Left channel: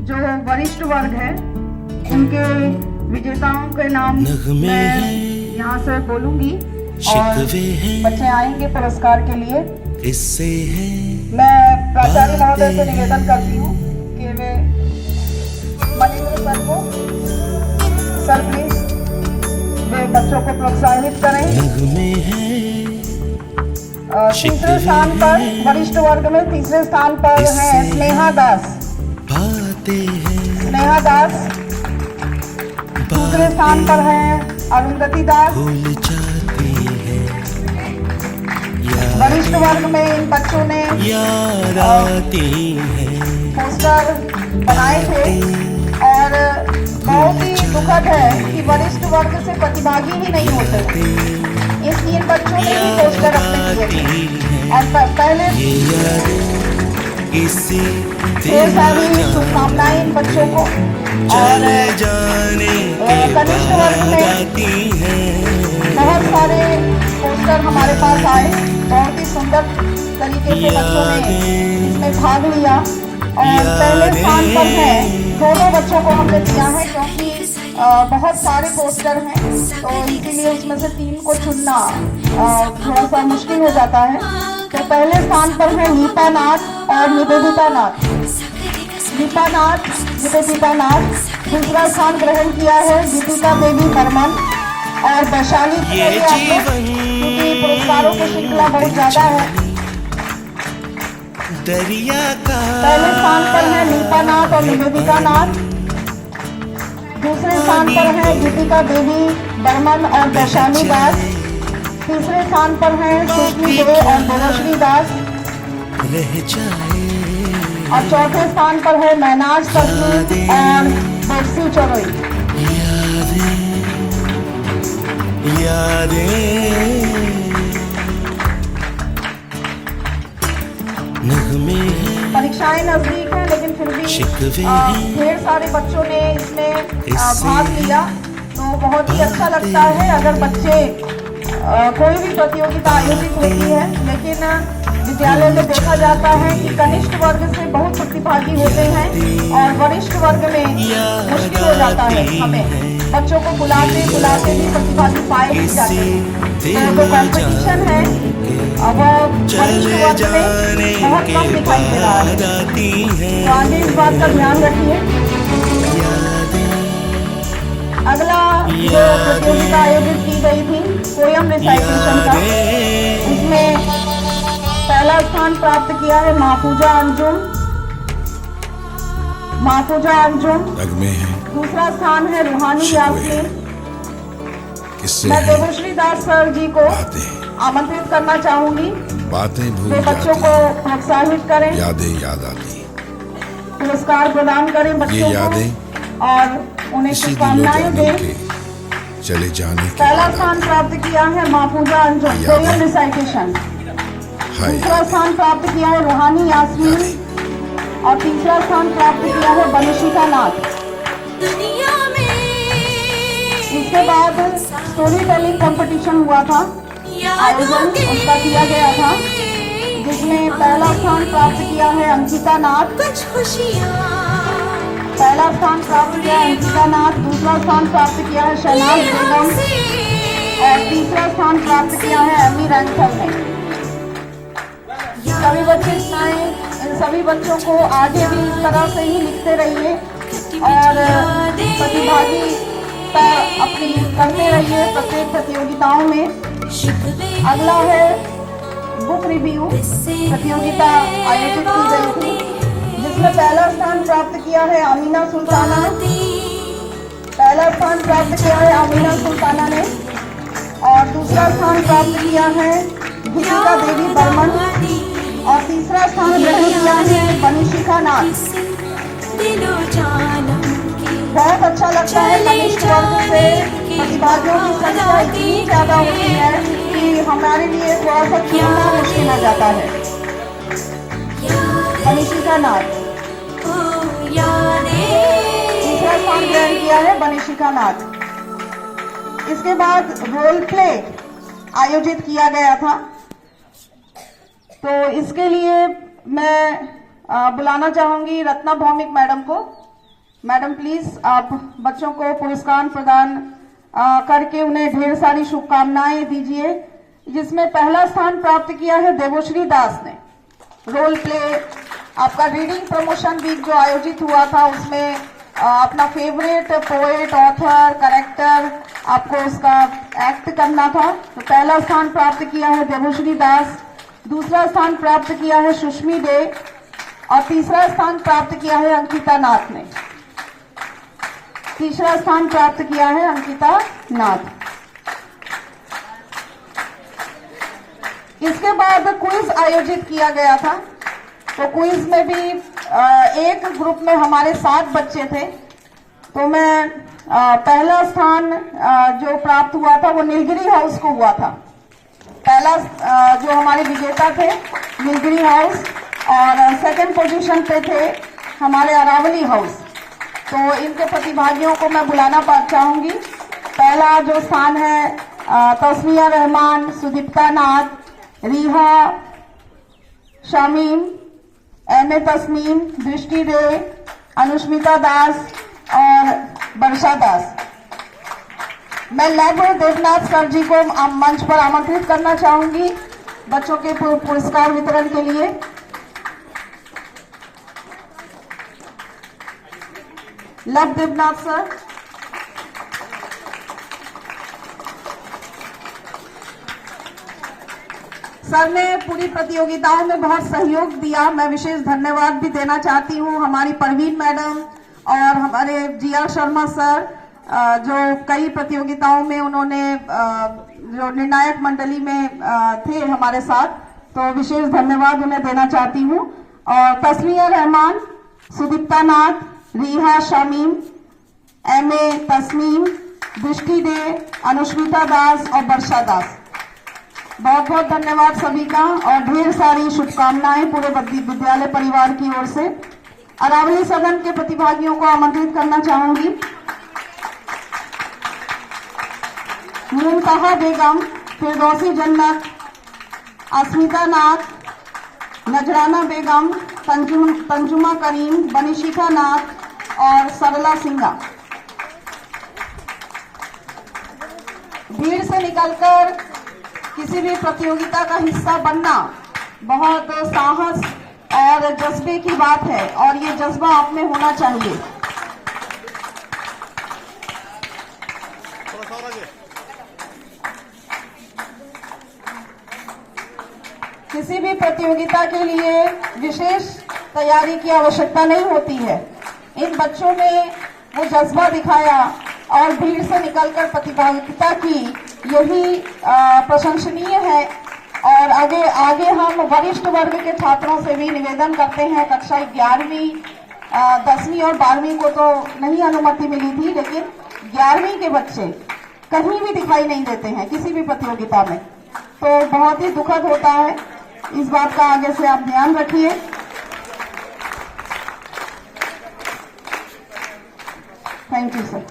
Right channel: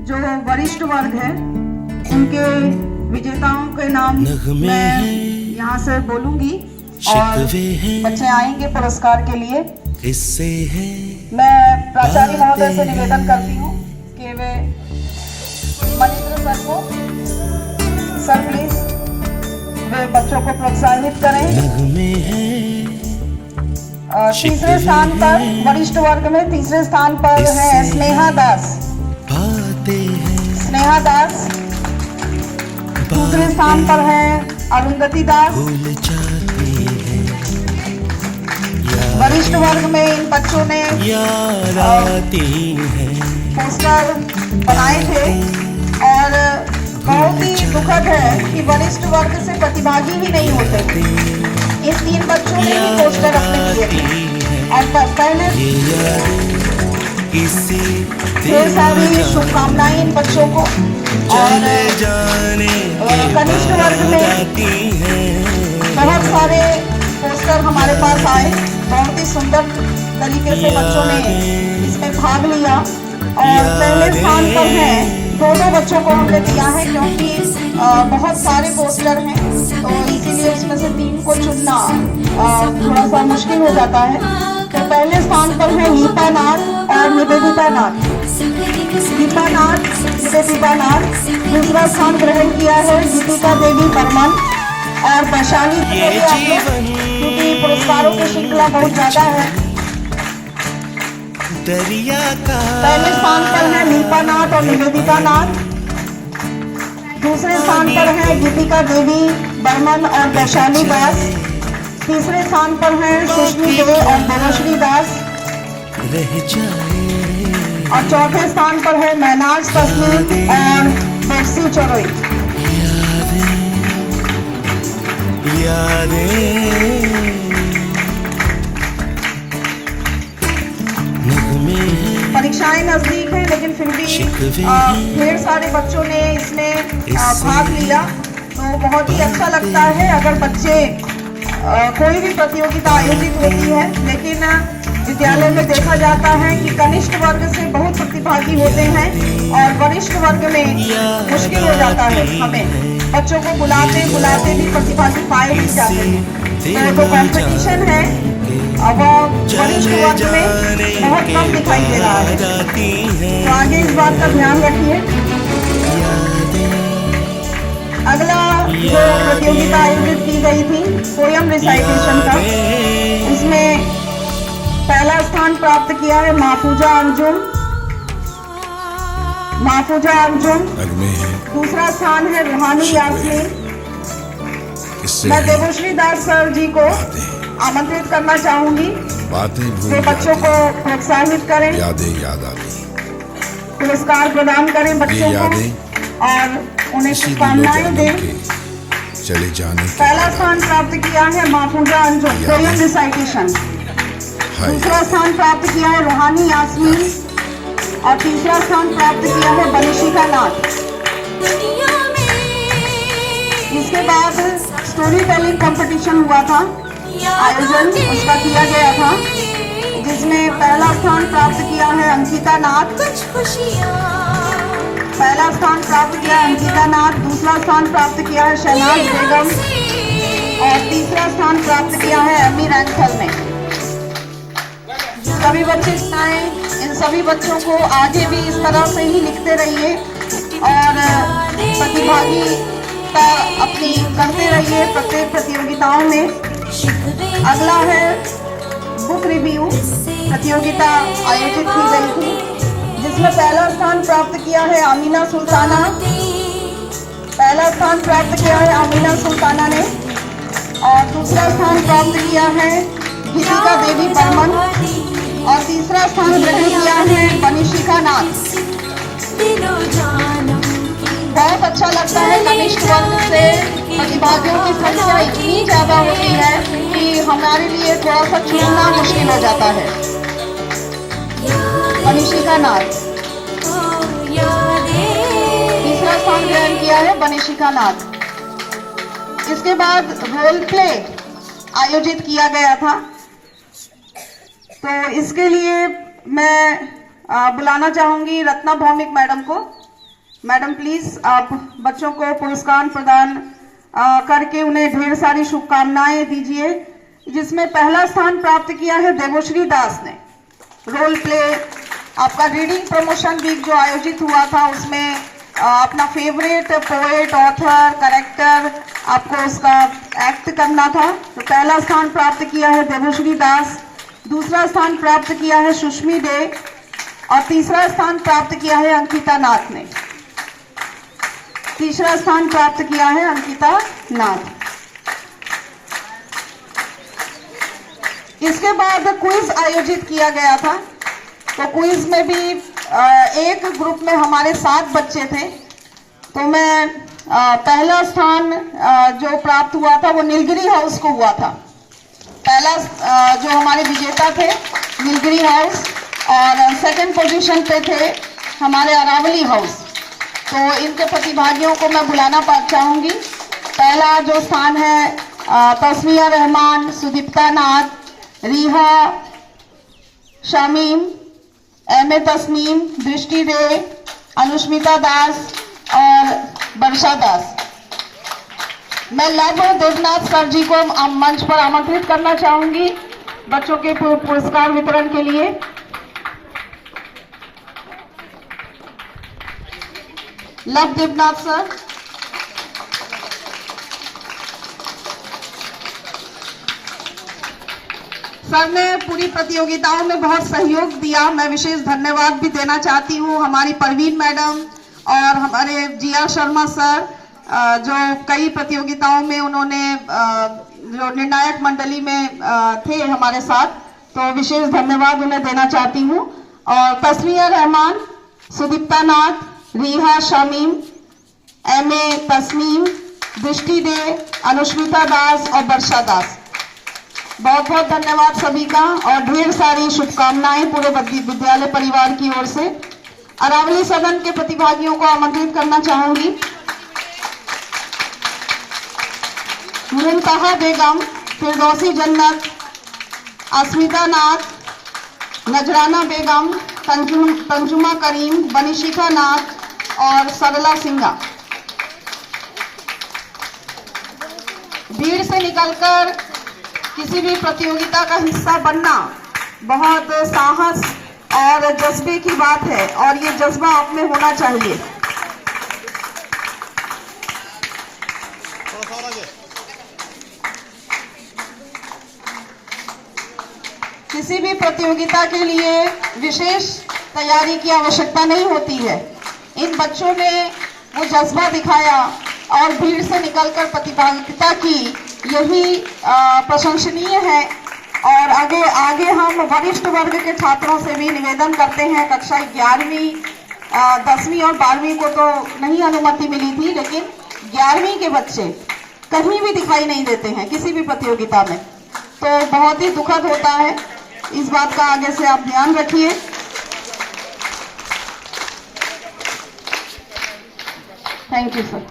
जो वरिष्ठ वर्ग है उनके विजेताओं के नाम मैं यहाँ से बोलूंगी और बच्चे आएंगे पुरस्कार के लिए। मैं प्राचार्य महोदय से निवेदन करती हूँ कि वे मनिंद्र सर को, सर प्लीज वे बच्चों को प्रोत्साहित करें। तीसरे स्थान पर वरिष्ठ वर्ग में तीसरे स्थान पर है स्नेहा दास। स्नेहा दास दूसरे स्थान पर है अरुंधति दास। वरिष्ठ वर्ग में इन बच्चों ने पोस्टर बनाए थे और बहुत ही दुखद है कि वरिष्ठ वर्ग से प्रतिभागी ही नहीं होते। इस 3 बच्चों ने भी पोस्टर अपने किए थे और पहले ढेर सारी शुभकामनाएं इन बच्चों को। और कनिष्ठ वर्ग में बहुत सारे पोस्टर हमारे पास आए। बहुत ही सुंदर तरीके से बच्चों ने इसमें भाग लिया और पहले स्थान पर है। 2 बच्चों को हमने दिया है क्योंकि बहुत सारे पोस्टर हैं तो इसीलिए उसमें से 3 को चुनना थोड़ा सा मुश्किल हो जाता है। तो पहले स्थान पर है लीपा नाथ और निवेदिता नाथ। लीपा नाथ, निवेदिता नाथ। दूसरा स्थान ग्रहण किया है गीतिका देवी बर्मन और वैशाली। क्योंकि पुरस्कारों की श्रृंखला बहुत ज्यादा है। पहले स्थान पर है लीपा नाथ और निवेदिता नाथ। दूसरे स्थान पर है गीतिका देवी बर्मन और वैशाली दास। तीसरे स्थान पर है सुष्मी दे और मनोश्री दास। और चौथे स्थान पर है मैनाज तस्मीर और बेक्सी चरोई। परीक्षाएं नजदीक हैं लेकिन फिर भी ढेर सारे बच्चों ने इसमें भाग लिया तो बहुत ही अच्छा लगता है अगर बच्चे कोई भी प्रतियोगिता आयोजित होती है। लेकिन विद्यालय में देखा जाता है कि कनिष्ठ वर्ग से बहुत प्रतिभागी होते हैं और वरिष्ठ वर्ग में मुश्किल हो जाता है। हमें बच्चों को बुलाते बुलाते भी प्रतिभागी पाए नहीं जाते। जो कॉम्पिटिशन है वो चले जाने के बाद आती है। तो आगे इस बात का ध्यान रखिए। अगला जो प्रतियोगिता आयोजित की गई थी पोयम रिसाइटेशन का, इसमें पहला स्थान प्राप्त किया है महफूजा अंजुम। महफूजा अंजुम। दूसरा स्थान है रूहानी यास्मीन। मैं देवश्री दास सर जी को आमंत्रित करना चाहूंगी। बातें भूल वे बच्चों को प्रोत्साहित करें, यादें याद आती, पुरस्कार प्रदान करें बच्चों को और उन्हें शुभकामनाएं दें। चले जाने के पहला स्थान प्राप्त किया है महफूजा अंजुम पोयम रिसाइटेशन। दूसरा स्थान प्राप्त किया है रूहानी यास्मीन और तीसरा स्थान प्राप्त किया है बनिशिका नाथ। इसके बाद स्टोरी टेलिंग कंपटीशन हुआ था, आयोजन उसका किया गया था जिसमें पहला स्थान प्राप्त किया है अंकिता नाथ। पहला स्थान प्राप्त किया है अंकिता नाथ। दूसरा स्थान प्राप्त किया है शहनाज बेगम और तीसरा स्थान प्राप्त किया है एमी रैंथल ने। सभी बच्चे आए, इन सभी बच्चों को आगे भी इस तरह से ही लिखते रहिए और प्रतिभागिता अपनी करते रहिए प्रत्येक प्रतियोगिताओं में। अगला है बुक रिव्यू प्रतियोगिता आयोजित की गई थी जिसमें पहला स्थान प्राप्त किया है आमीना सुल्ताना। पहला स्थान प्राप्त किया है आमीना सुल्ताना ने और दूसरा स्थान प्राप्त किया है गीतिका देवी बर्मन और तीसरा स्थान ग्रहण किया है बनिशिका नाथ। बहुत अच्छा लगता है कनिष्ठ वर्ग से प्रतिभागियों की संख्या इतनी ज्यादा होती है कि हमारे लिए थोड़ा सा चुनना मुश्किल हो जाता है। बनिशिका नाथ तीसरा स्थान ग्रहण किया है बनिशिका नाथ। इसके बाद रोल प्ले आयोजित किया गया था तो इसके लिए मैं बुलाना चाहूंगी रत्ना भौमिक मैडम को। मैडम प्लीज आप बच्चों को पुरस्कार प्रदान करके उन्हें ढेर सारी शुभकामनाएं दीजिए। जिसमें पहला स्थान प्राप्त किया है देवश्री दास ने। रोल प्ले आपका रीडिंग प्रमोशन वीक जो आयोजित हुआ था उसमें अपना फेवरेट पोएट ऑथर कैरेक्टर आपको उसका एक्ट करना था। तो पहला स्थान प्राप्त किया है देवश्री दास, दूसरा स्थान प्राप्त किया है सुष्मी दे और तीसरा स्थान प्राप्त किया है अंकिता नाथ ने। तीसरा स्थान प्राप्त किया है अंकिता नाथ। इसके बाद क्विज आयोजित किया गया था। तो क्विज में भी एक ग्रुप में हमारे 7 बच्चे थे। तो मैं पहला स्थान जो प्राप्त हुआ था वो नीलगिरी हाउस को हुआ था। पहला जो हमारे विजेता थे नीलगिरी हाउस और सेकंड पोजीशन पे थे हमारे अरावली हाउस। तो इनके प्रतिभागियों को मैं बुलाना चाहूंगी। पहला जो स्थान है तस्मिया रहमान, सुदीप्ता नाथ, रीहा शामीम, एम ए तस्नीम, दृष्टि दे, अनुष्मिता दास और वर्षा दास। मैं लव देवनाथ सर जी को मंच पर आमंत्रित करना चाहूंगी बच्चों के पुरस्कार वितरण के लिए। Love Debnath sir. सर ने पूरी प्रतियोगिताओं में बहुत सहयोग दिया। मैं विशेष धन्यवाद भी देना चाहती हूँ हमारी परवीन मैडम और हमारे जी.आर. शर्मा सर जो कई प्रतियोगिताओं में उन्होंने जो निर्णायक मंडली में थे हमारे साथ। तो विशेष धन्यवाद उन्हें देना चाहती हूँ। और तस्मिया रहमान, सुदीप्ता नाथ, रीहा शामीम, एम ए तस्नीम, दृष्टि दे, अनुष्मिता दास और वर्षा दास। बहुत बहुत धन्यवाद सभी का और ढेर सारी शुभकामनाएं पूरे विद्यालय परिवार की ओर से। अरावली सदन के प्रतिभागियों को आमंत्रित करना चाहूंगी। मुमताहा बेगम, फिरदौसी जन्नत, अस्मिता नाथ, नजराना बेगम, तंजुमा करीम, बनिशिका नाथ और सरला सिंघा। भीड़ से निकलकर किसी भी प्रतियोगिता का हिस्सा बनना बहुत साहस और जज्बे की बात है और ये जज्बा आप में होना चाहिए। किसी भी प्रतियोगिता के लिए विशेष तैयारी की आवश्यकता नहीं होती है। इन बच्चों ने वो जज्बा दिखाया और भीड़ से निकलकर प्रतिभागिता की, यही प्रशंसनीय है। और आगे हम वरिष्ठ वर्ग के छात्रों से भी निवेदन करते हैं। कक्षा 11वीं 10वीं और 12वीं को तो नहीं अनुमति मिली थी, लेकिन 11वीं के बच्चे कहीं भी दिखाई नहीं देते हैं किसी भी प्रतियोगिता में। तो बहुत ही दुखद होता है। इस बात का आगे से आप ध्यान रखिए। Thank you sir.